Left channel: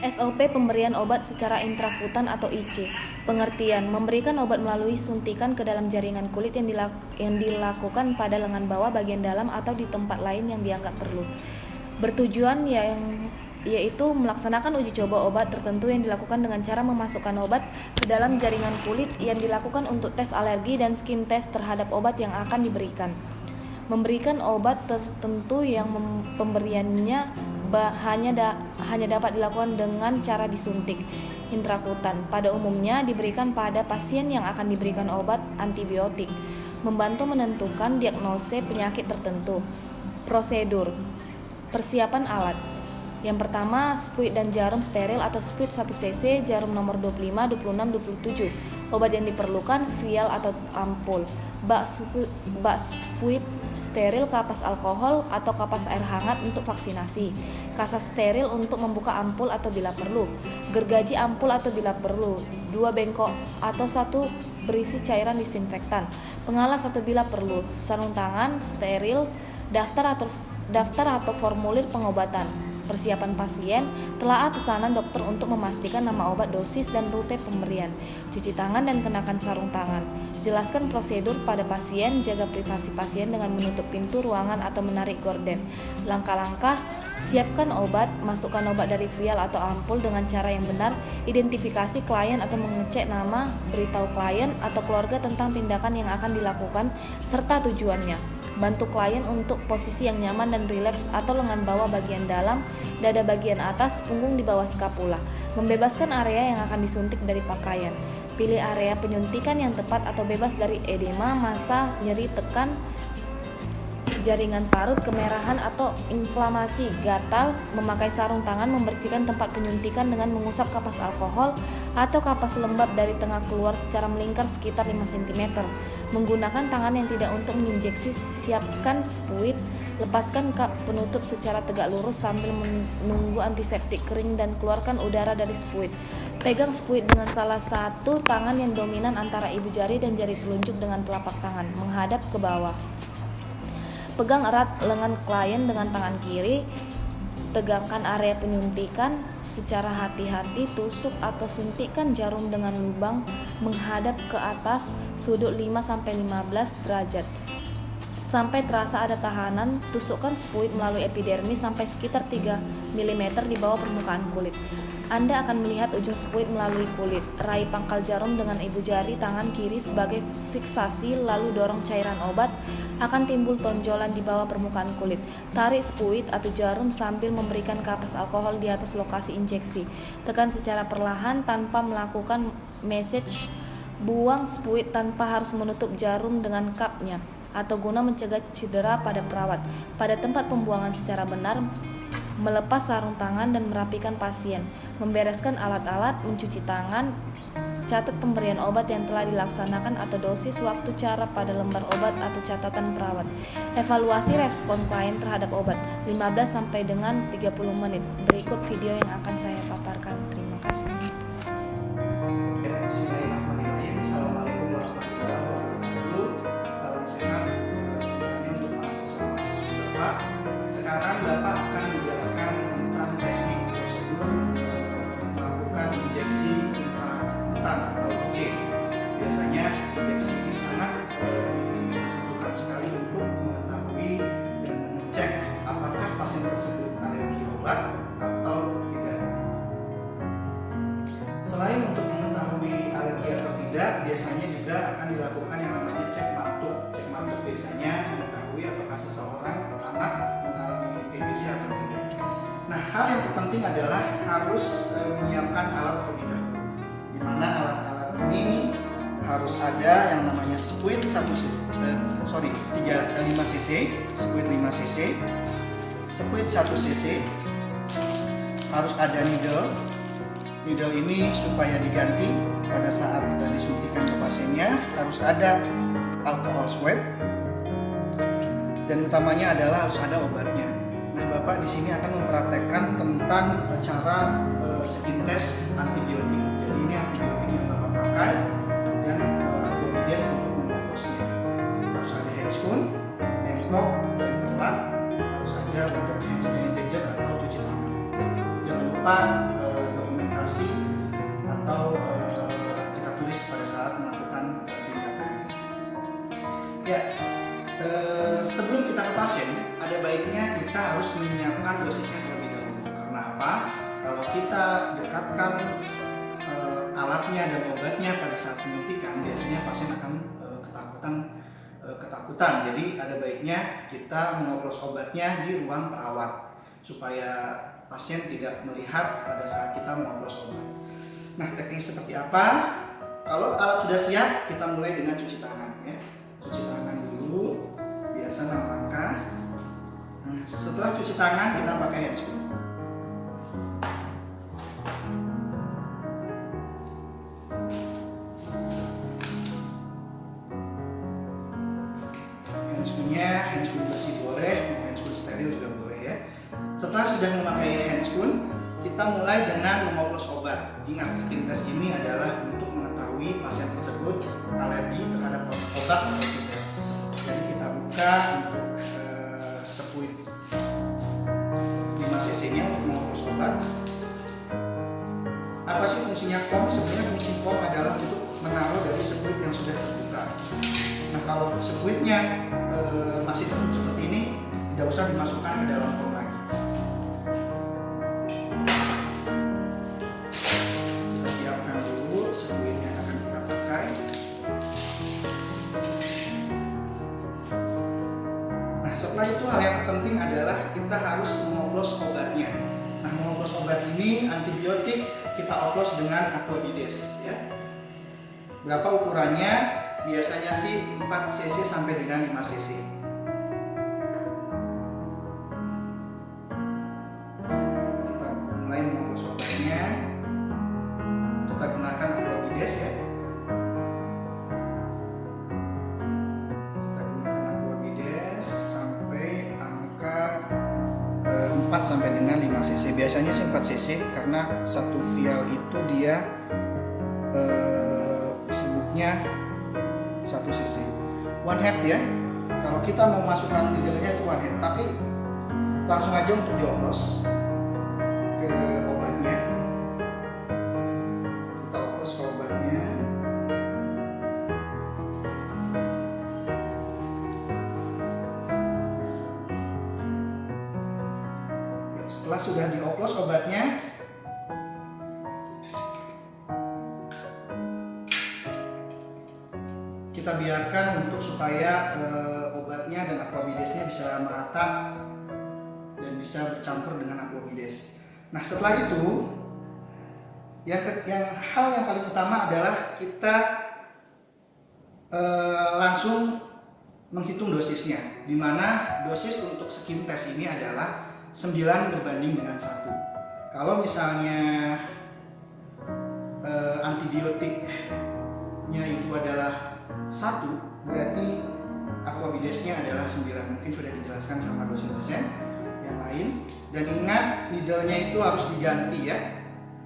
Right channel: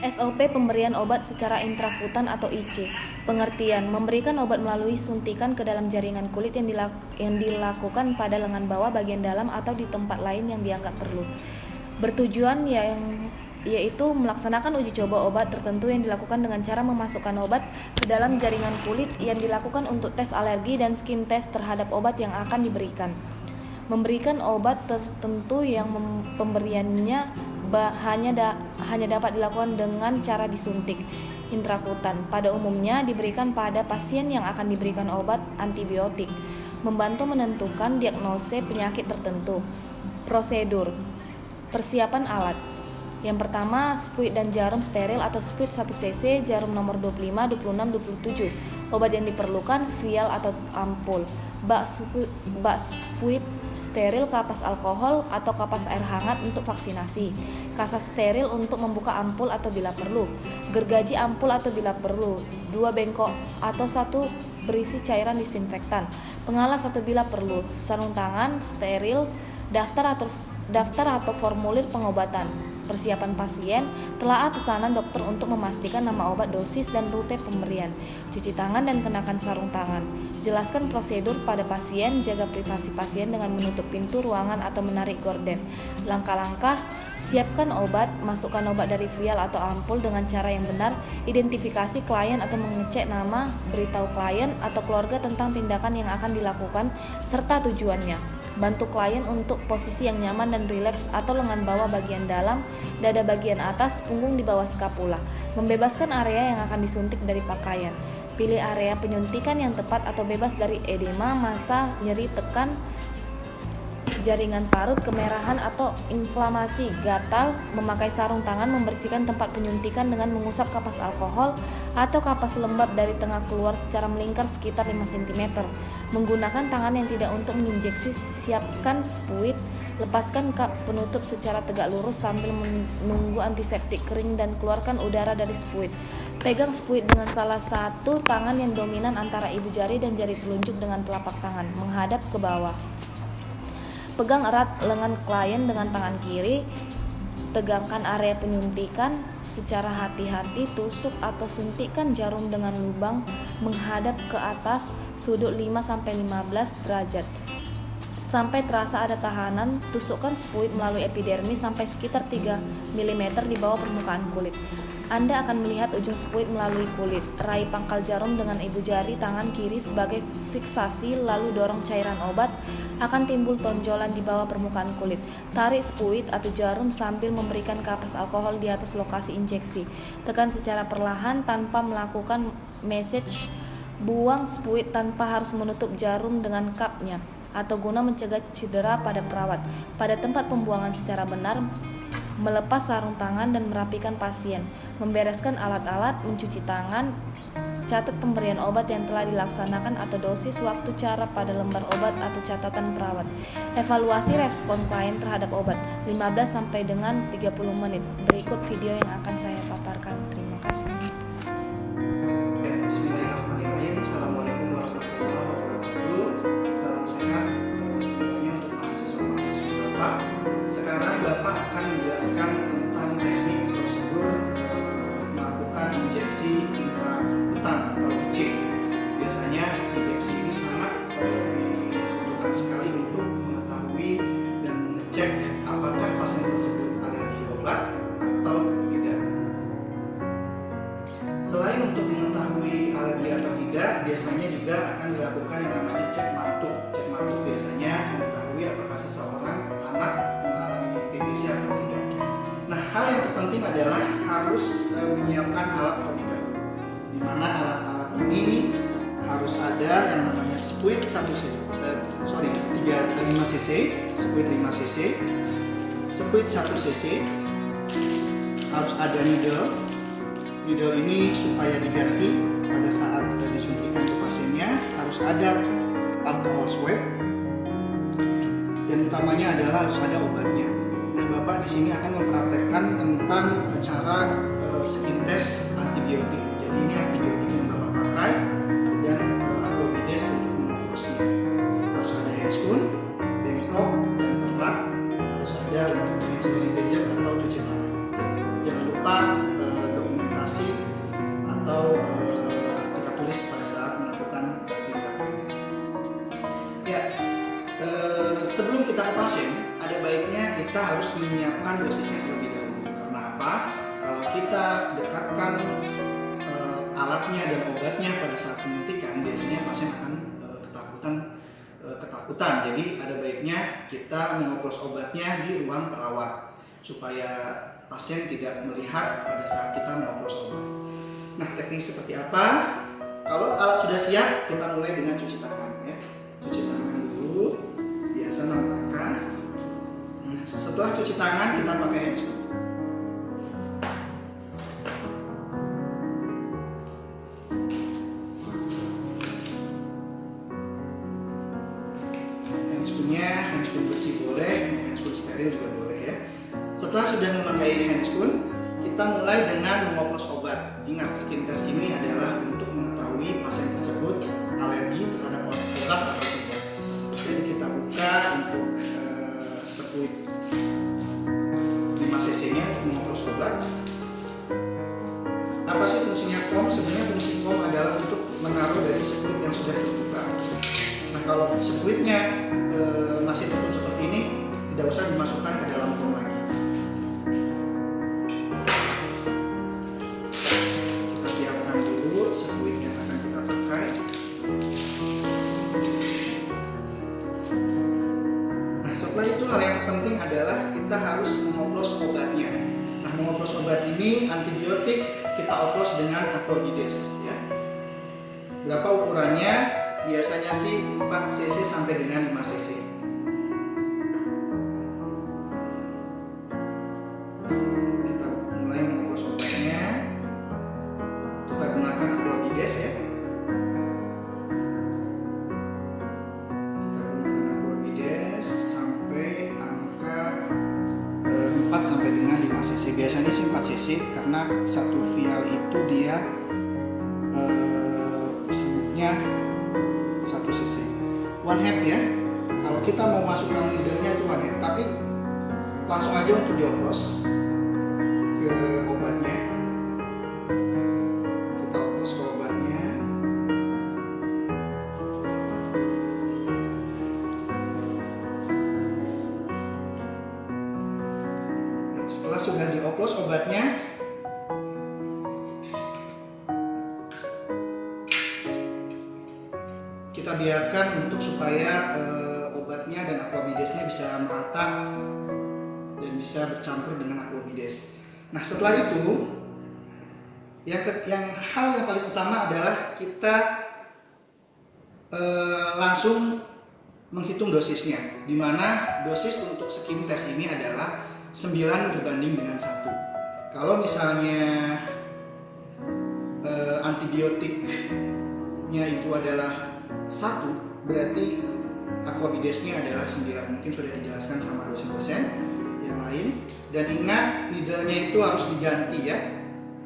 SOP pemberian obat secara intrakutan atau IC. Pengertian: memberikan obat melalui suntikan ke dalam jaringan kulit yang dilakukan pada lengan bawah bagian dalam atau di tempat lain yang dianggap perlu. Bertujuan yaitu melaksanakan uji coba obat tertentu yang dilakukan dengan cara memasukkan obat ke dalam jaringan kulit yang dilakukan untuk tes alergi dan skin test terhadap obat yang akan diberikan. Memberikan obat tertentu yang pemberiannya hanya dapat dilakukan dengan cara disuntik intrakutan. Pada umumnya diberikan pada pasien yang akan diberikan obat antibiotik. Membantu menentukan diagnosis penyakit tertentu. Prosedur: persiapan alat. Yang pertama, spuit dan jarum steril atau spuit 1 cc, jarum nomor 25, 26, 27. Obat yang diperlukan vial atau ampul. Bak spuit steril, kapas alkohol atau kapas air hangat untuk vaksinasi. Kasa steril untuk membuka ampul atau bila perlu. Gergaji ampul atau bila perlu. 2 bengkok atau 1 berisi cairan disinfektan. Pengalas atau bila perlu. Sarung tangan steril, daftar atau formulir pengobatan. Persiapan pasien, telaah pesanan dokter untuk memastikan nama obat, dosis, dan rute pemberian. Cuci tangan dan kenakan sarung tangan. Jelaskan prosedur pada pasien, jaga privasi pasien dengan menutup pintu ruangan atau menarik gorden. Langkah-langkah: siapkan obat, masukkan obat dari vial atau ampul dengan cara yang benar, identifikasi klien atau mengecek nama, beritahu klien atau keluarga tentang tindakan yang akan dilakukan serta tujuannya. Bantu klien untuk posisi yang nyaman dan rileks atau lengan bawah bagian dalam, dada bagian atas, punggung di bawah skapula. Membebaskan area yang akan disuntik dari pakaian. Pilih area penyuntikan yang tepat atau bebas dari edema, massa, nyeri, tekan, jaringan parut, kemerahan atau inflamasi, gatal. Memakai sarung tangan, membersihkan tempat penyuntikan dengan mengusap kapas alkohol atau kapas lembab dari tengah keluar secara melingkar sekitar 5 cm. Menggunakan tangan yang tidak untuk menginjeksi, siapkan spuit. Lepaskan kap penutup secara tegak lurus sambil menunggu antiseptik kering dan keluarkan udara dari spuit. Pegang spuit dengan salah satu tangan yang dominan antara ibu jari dan jari telunjuk dengan telapak tangan menghadap ke bawah. Pegang erat lengan klien dengan tangan kiri. Tegangkan area penyuntikan secara hati-hati. Tusuk atau suntikkan jarum dengan lubang menghadap ke atas sudut 5-15 derajat. Sampai terasa ada tahanan, tusukkan spuit melalui epidermis sampai sekitar 3 mm di bawah permukaan kulit. Anda akan melihat ujung spuit melalui kulit. Raih pangkal jarum dengan ibu jari tangan kiri sebagai fiksasi, lalu dorong cairan obat. Akan timbul tonjolan di bawah permukaan kulit. Tarik spuit atau jarum sambil memberikan kapas alkohol di atas lokasi injeksi. Tekan secara perlahan tanpa melakukan massage. Buang spuit tanpa harus menutup jarum dengan kapnya atau guna mencegah cedera pada perawat. Pada tempat pembuangan secara benar, melepas sarung tangan dan merapikan pasien, membereskan alat-alat, mencuci tangan, catat pemberian obat yang telah dilaksanakan atau dosis, waktu, cara pada lembar obat atau catatan perawat. Evaluasi respon klien terhadap obat 15 sampai dengan 30 menit. Berikut video yang akan saya paparkan. Terima kasih. Bismillahirrahmanirrahim. Assalamualaikum warahmatullahi wabarakatuh. Salam sehat. Sebenarnya untuk mahasiswa-mahasiswa Bapak. Sekarang Bapak akan menjelaskan tentang teknik prosedur melakukan injeksi intrakutan atau IC. Biasanya injeksi ini sangat dibutuhkan sekali untuk mengetahui dan mengecek apakah pasien tersebut alergi obat atau tidak. Selain untuk mengetahui alergi atau tidak, biasanya juga akan dilakukan yang namanya cek matuk. Cek matuk biasanya mengetahui apakah seseorang anak mengalami TBC atau tidak. Nah, hal yang terpenting adalah harus menyiapkan alat terlebih dahulu. Di mana alat-alat ini harus ada yang namanya spuit 5 cc, spuit 5 cc, spuit 1 cc, harus ada needle. Needle ini supaya diganti pada saat disuntikan ke pasiennya, harus ada alcohol swab, dan utamanya adalah harus ada obatnya. Nah, Bapak di sini akan mempraktekkan tentang cara skin test antibiotik. Jadi ini antibiotik yang Bapak pakai dan Aglomidase untuk mengoperasi. Harus ada handscoon, bengkok, dan pelak. Harus ada untuk hand sanitizer atau cuci tangan. Jangan lupa kita harus menyiapkan dosisnya terlebih dahulu. Karena apa? Kalau kita dekatkan alatnya dan obatnya pada saat penyuntikan, biasanya pasien akan ketakutan. Jadi ada baiknya kita mengoplos obatnya di ruang perawat supaya pasien tidak melihat pada saat kita mengoplos obat. Nah, teknik seperti apa? Kalau alat sudah siap, kita mulai dengan cuci tangan ya. Cuci tangan dulu, biasa 6 langkah. Nah, setelah cuci tangan kita pakai handscoon. Handscoon bersih boleh, handscoon steril juga boleh ya. Setelah sudah memakai handscoon, kita mulai dengan mengoplos obat. Ingat, skin test ini adalah untuk mengetahui pasien tersebut alergi terhadap obat atau tidak. Jadi kita buka untuk sepuit 5 cc nya untuk mengoplos obat. Apa sih fungsinya kom? Sebenarnya fungsi kom adalah untuk menaruh dari sepuit yang sudah terbuka. Nah, kalau sepuitnya masih tertutup seperti ini, tidak usah dimasukkan ke dalam kom lagi. Kita siapkan dulu sepuit yang akan kita pakai. Nah, setelah itu hal yang penting adalah kita harus mengoplos obatnya. Nah, mengoplos obat ini antibiotik kita oplos dengan Aquabides ya. Berapa ukurannya? Biasanya sih 4 cc sampai dengan 5 cc. Kita mulai mengoplos obatnya. Kita gunakan Aquabides ya. Kita gunakan Aquabides sampai angka 4 sampai dengan 5 cc. Biasanya sih 4 cc karena satu vial itu dia sebutnya 1 cc. One head ya. Kalau kita mau masukkan needle-nya itu one head, tapi langsung aja untuk dioplos ke obatnya. Kita oplos ke obatnya. Nah, setelah sudah dioplos obatnya, kita biarkan untuk supaya obatnya dan Aquabidesnya bisa merata dan bisa bercampur dengan Aquabides. Nah, setelah itu hal yang paling utama adalah kita langsung menghitung dosisnya, di mana dosis untuk skin test ini adalah 9 berbanding dengan 1. Kalau misalnya antibiotiknya itu adalah 1, berarti Aquabidesnya adalah 9. Mungkin sudah dijelaskan sama dosen-dosen yang lain. Dan ingat, needle-nya itu harus diganti ya.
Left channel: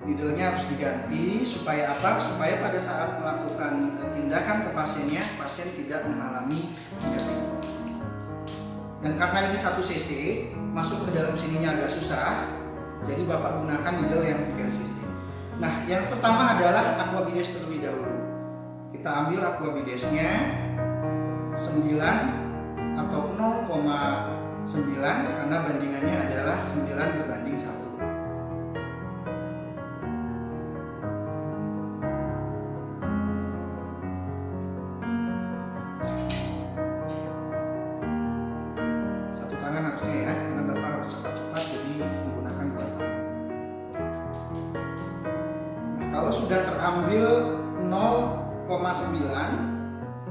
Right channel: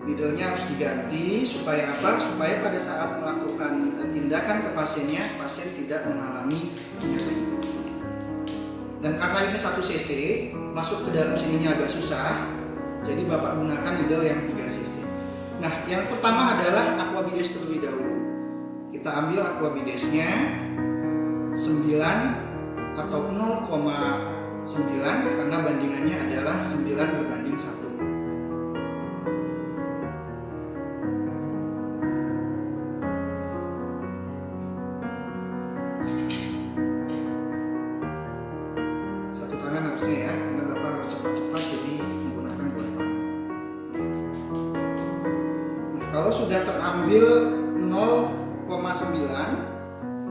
Needle-nya harus diganti supaya apa? Supaya pada saat melakukan tindakan ke pasiennya, pasien tidak mengalami nyeri. Dan karena ini 1 cc, masuk ke dalam sininya agak susah, jadi Bapak gunakan needle yang 3 cc. Nah, yang pertama adalah Aquabides terlebih dahulu. Kita ambil Aquabidesnya 9 atau 0,9 karena bandingannya adalah 9 berbanding 1. Satu tangan harusnya ya, karena Bapak harus cepat-cepat jadi menggunakan 2 tangan. Nah, kalau sudah terambil 0,9,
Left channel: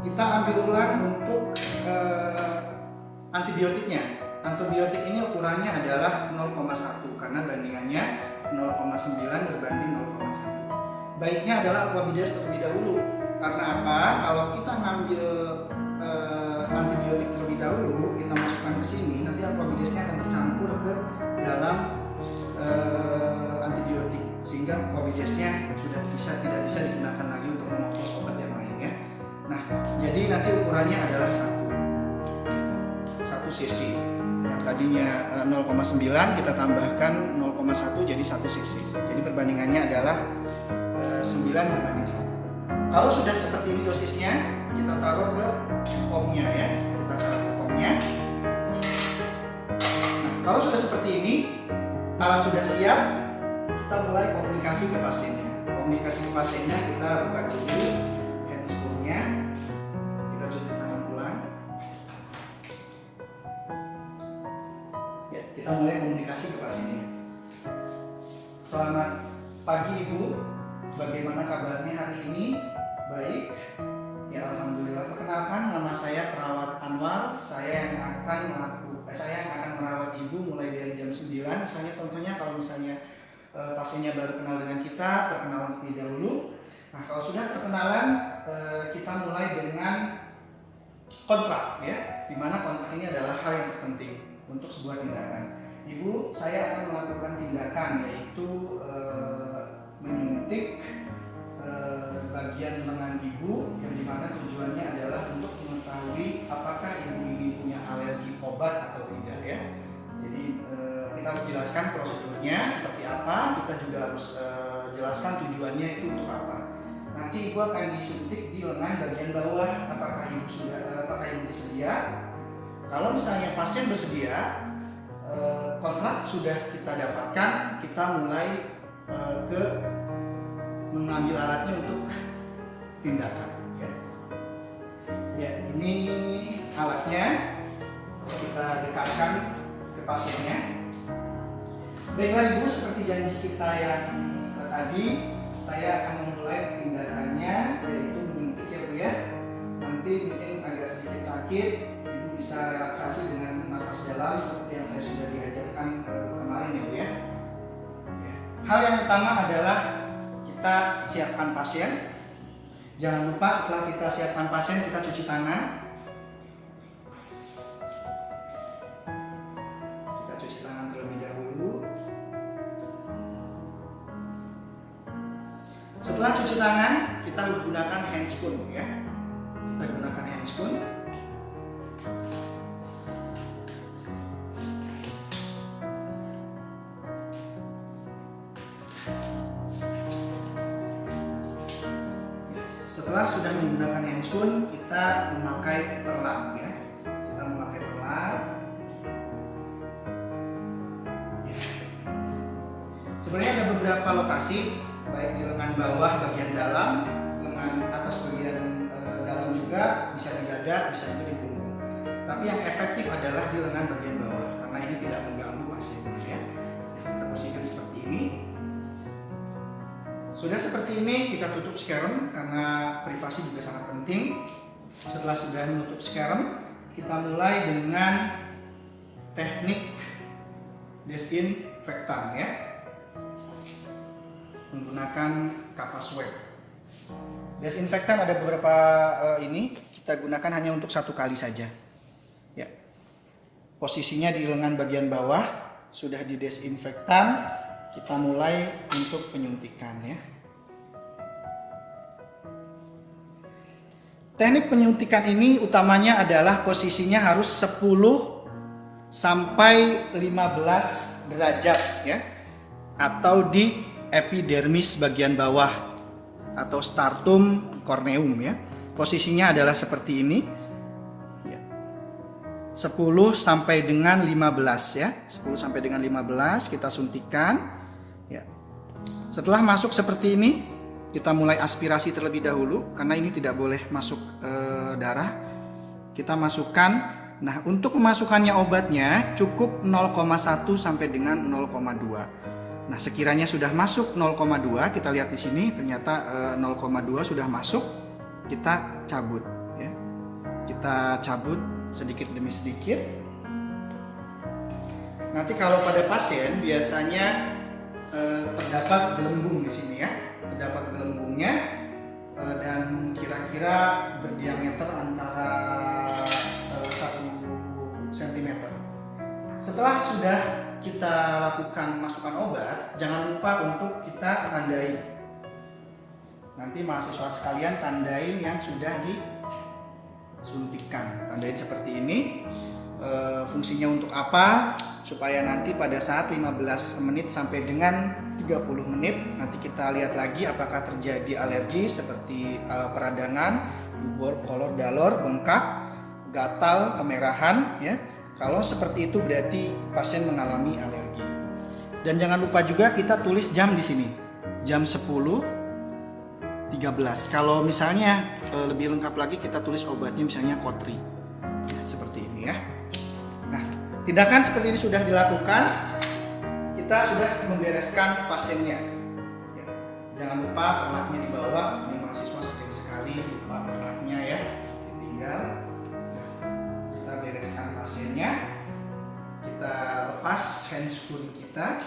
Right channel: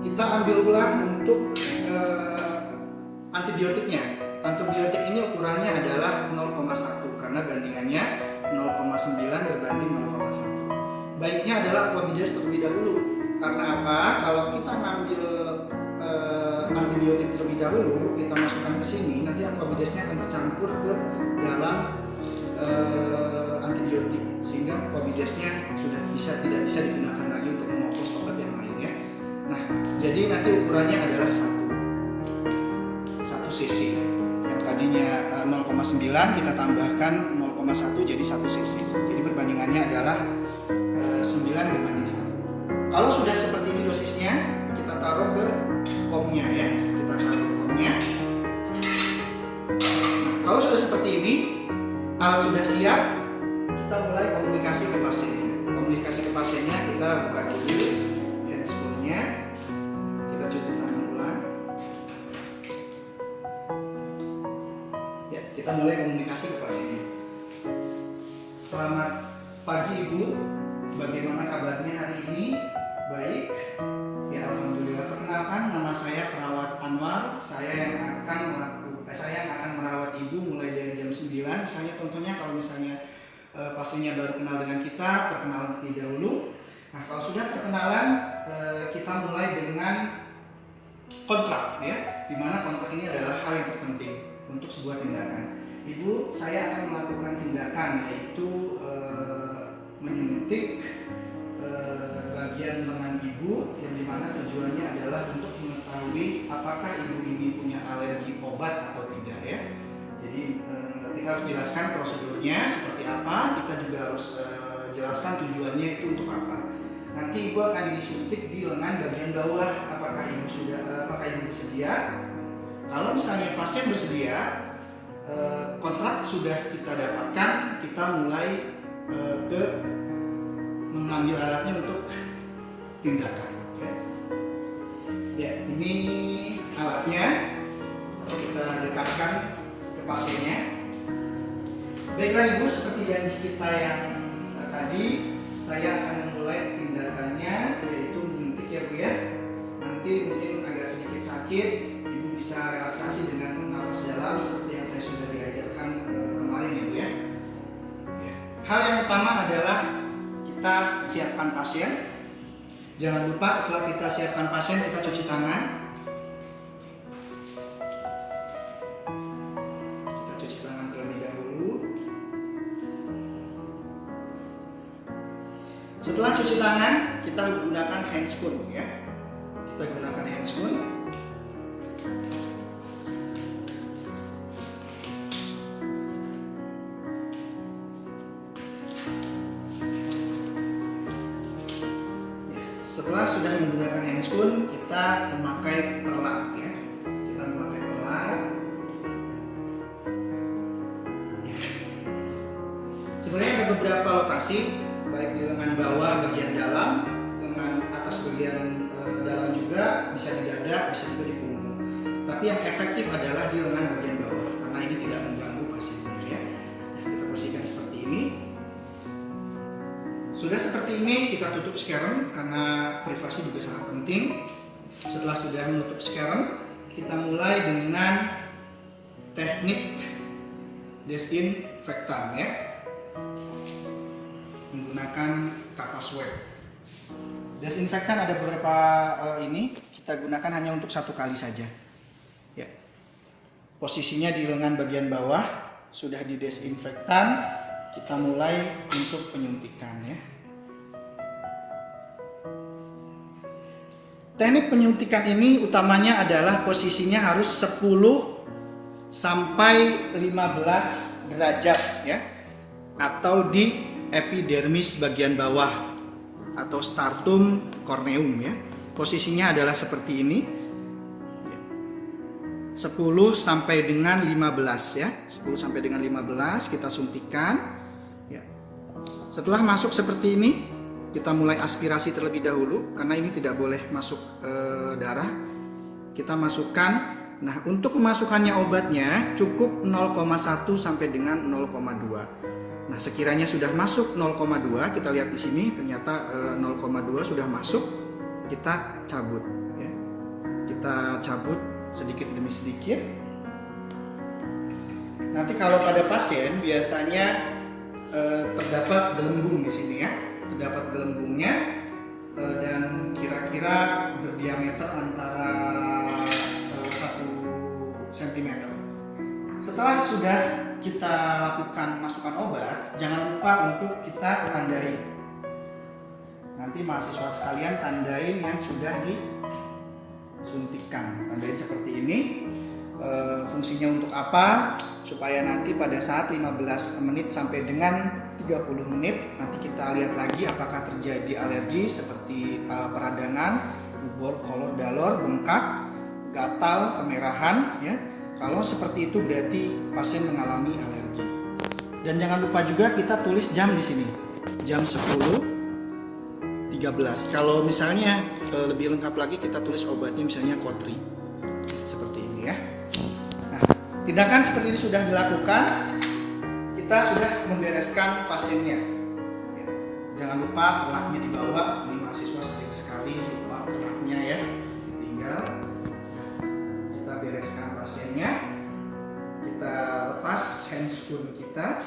kita ambil ulang untuk antibiotiknya. Antibiotik ini ukurannya adalah 0,1 karena bandingannya 0,9 berbanding 0,1. Baiknya adalah Aquabides terlebih dahulu. Karena apa? Kalau kita ngambil antibiotik terlebih dahulu, kita masukkan ke sini, nanti Aquabidesnya akan tercampur ke dalam antibiotik, sehingga Aquabidesnya sudah tidak bisa digunakan lagi untuk mengoplos obat yang lainnya. Nah, jadi nanti ukurannya adalah 1 cc. Yang tadinya 0,9 kita tambahkan 0,1 jadi 1 cc. Jadi perbandingannya adalah 9 berbanding 1. Kalau sudah seperti ini dosisnya, kita taruh ke komnya ya. Kita taruh ke komnya. Nah, Kalau sudah seperti ini, alat sudah siap, kita mulai komunikasi ke pasiennya. Komunikasi ke pasiennya, kita buka dulu handscoon-nya, kita cuci tangan ulang. Ya, kita mulai komunikasi ke pasiennya. Selamat pagi Ibu, bagaimana kabarnya hari ini? Baik. Ya, alhamdulillah. Perkenalkan, nama saya Perawat Anwar. Saya yang akan merawat Ibu mulai dari jam 9. Misalnya contohnya kalau misalnya pasiennya baru kenal dengan kita, perkenalan terlebih dahulu. Nah, kalau sudah perkenalan, kita mulai dengan kontrak, ya, dimana kontrak ini adalah hal yang terpenting untuk sebuah tindakan. Ibu, saya akan melakukan tindakan yaitu menyuntik bagian lengan ibu, yang dimana tujuannya adalah untuk mengetahui apakah ibu ini punya alergi obat atau tidak, ya. Jadi kita harus jelaskan prosedurnya seperti apa, kita juga harus jelaskan tujuannya itu untuk apa. Nanti ibu akan disuntik di lengan bagian bawah. Apakah ibu bersedia? Kalau misalnya pasien bersedia, kontrak sudah kita dapatkan, kita mulai ke mengambil alatnya untuk tindakan. Ya, ini alatnya, kita dekatkan ke pasiennya. Baiklah Ibu, seperti janji kita yang tadi, saya akan memulai tindakannya, yaitu menyuntik, ya Bu, ya. Nanti mungkin agak sedikit sakit, Ibu bisa relaksasi dengan nafas dalam seperti yang saya sudah diajarkan kemarin, ya Bu, ya. Hal yang utama adalah kita siapkan pasien. Jangan lupa setelah kita siapkan pasien, kita cuci tangan. Kita cuci tangan terlebih dahulu. Setelah cuci tangan, kita gunakan handscoon, ya. Kita gunakan handscoon. Setelah sudah menggunakan handscoon, kita memakai perlang, ya. Kita memakai perlang. Ya. Sebenarnya ada beberapa lokasi, baik di lengan bawah bagian dalam, lengan atas bagian dalam juga, bisa di dada, bisa juga di punggung. Tapi yang efektif adalah di lengan bagian bawah, karena ini tidak mengganggu pasiennya, ya. Nah, kita posisikan seperti ini. Sudah seperti ini, kita tutup sekarang karena privasi juga sangat penting. Setelah sudah menutup sekarang, kita mulai dengan teknik desinfektan, ya, menggunakan kapas web. Desinfektan ada beberapa ini, kita gunakan hanya untuk satu kali saja, ya. Posisinya di lengan bagian bawah, sudah didesinfektan, kita mulai untuk penyuntikan, ya. Teknik penyuntikan ini utamanya adalah posisinya harus 10 sampai 15 derajat, ya, atau di epidermis bagian bawah atau stratum corneum, ya. Posisinya adalah seperti ini, ya. 10 sampai dengan 15, ya. 10 sampai dengan 15 kita suntikan, ya. Setelah masuk seperti ini, kita mulai aspirasi terlebih dahulu karena ini tidak boleh masuk darah. Kita masukkan. Nah, untuk memasukkannya obatnya cukup 0,1 sampai dengan 0,2. Nah, sekiranya sudah masuk 0,2, kita lihat di sini ternyata 0,2 sudah masuk, kita cabut, ya. Kita cabut sedikit demi sedikit. Nanti kalau pada pasien biasanya terdapat gelembung di sini, ya. Terdapat gelembungnya dan kira-kira berdiameter antara 1 cm. Setelah sudah kita lakukan masukan obat, jangan lupa untuk kita tandai. Nanti mahasiswa sekalian tandain yang sudah disuntikan. Tandain seperti ini. Fungsinya untuk apa? Supaya nanti pada saat 15 menit sampai dengan 30 menit nanti kita lihat lagi apakah terjadi alergi seperti peradangan, rubor, kolor, dalor, bengkak, gatal, kemerahan, ya. Kalau seperti itu berarti pasien mengalami alergi. Dan jangan lupa juga kita tulis jam di sini. Jam 10.13. Kalau misalnya lebih lengkap lagi kita tulis obatnya misalnya Kotri. Seperti ini ya. Nah, tindakan seperti ini sudah dilakukan. Kita sudah membereskan pasiennya. Ya. Jangan lupa perlaknya dibawa. Ini mahasiswa sering sekali lupa perlaknya ya. Ditinggal. Kita bereskan pasiennya. Kita lepas handscoon kita.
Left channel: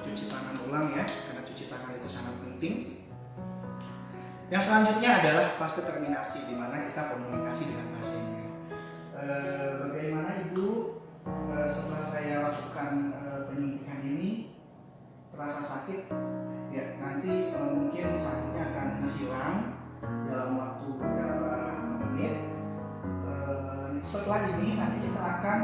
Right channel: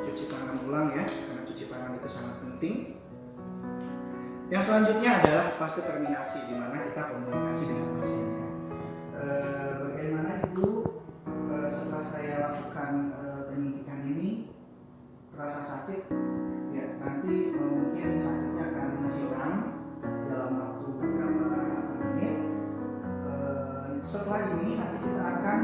Cuci tangan ulang ya, karena cuci tangan itu sangat penting. Yang selanjutnya adalah fase terminasi, di mana kita komunikasi dengan pasiennya. Bagaimana Ibu setelah saya lakukan penyuntikan ini terasa sakit? Ya, nanti mungkin sakitnya akan hilang dalam waktu beberapa menit. Setelah ini nanti kita akan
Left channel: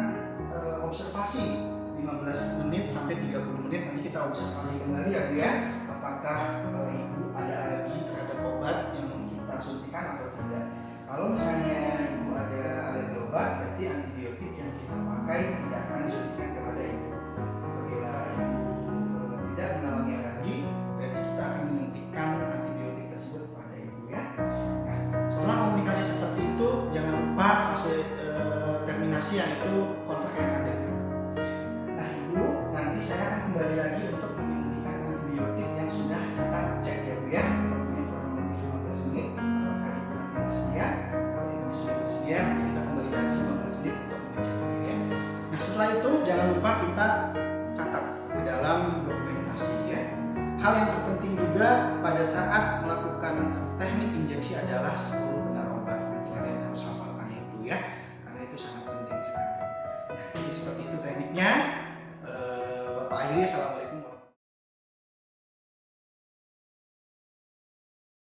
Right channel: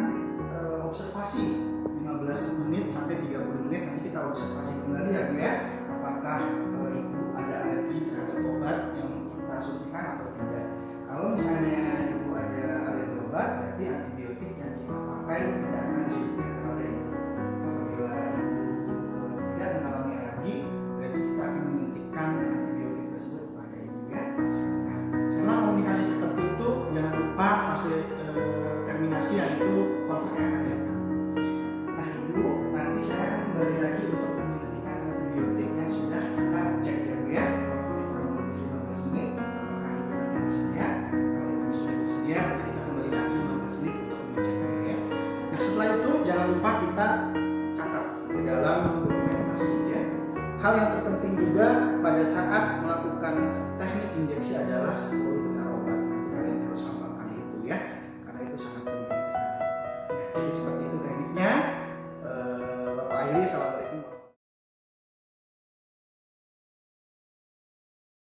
observasi 15 menit sampai 30 menit, nanti kita observasi kembali ya Bu ya, apakah Ibu ada alergi terhadap obat yang kita suntikan atau tidak. Kalau misalnya Ibu ada alergi obat, berarti antibiotik yang kita pakai tidak akan disuntikan kepada Ibu. Apabila Ibu tidak mengalami alergi, berarti kita akan menyuntikkan antibiotik tersebut kepada Ibu ya. Nah, setelah komunikasi seperti itu, jangan lupa fase terminasi, yaitu kontak yang akan datang. Nah Ibu, nanti saya akan kembali lagi untuk menyuntikkan antibiotik yang sudah kita cek ya Bu ya. Waktunya kurang lebih 15 menit. Apakah Ibu nanti bersedia? Kalau Ibu sudah bersedia, nanti kita kembali lagi 15 menit untuk mengeceknya ya. Nah setelah itu jangan lupa kita catat ke dalam dokumentasi ya. Hal yang terpenting juga pada saat melakukan teknik injeksi adalah 10 benar obat. Nanti kalian harus hafalkan itu ya, karena itu sangat penting sekali. Ya, jadi seperti itu tekniknya. Bapak Airi, assalamualaikum.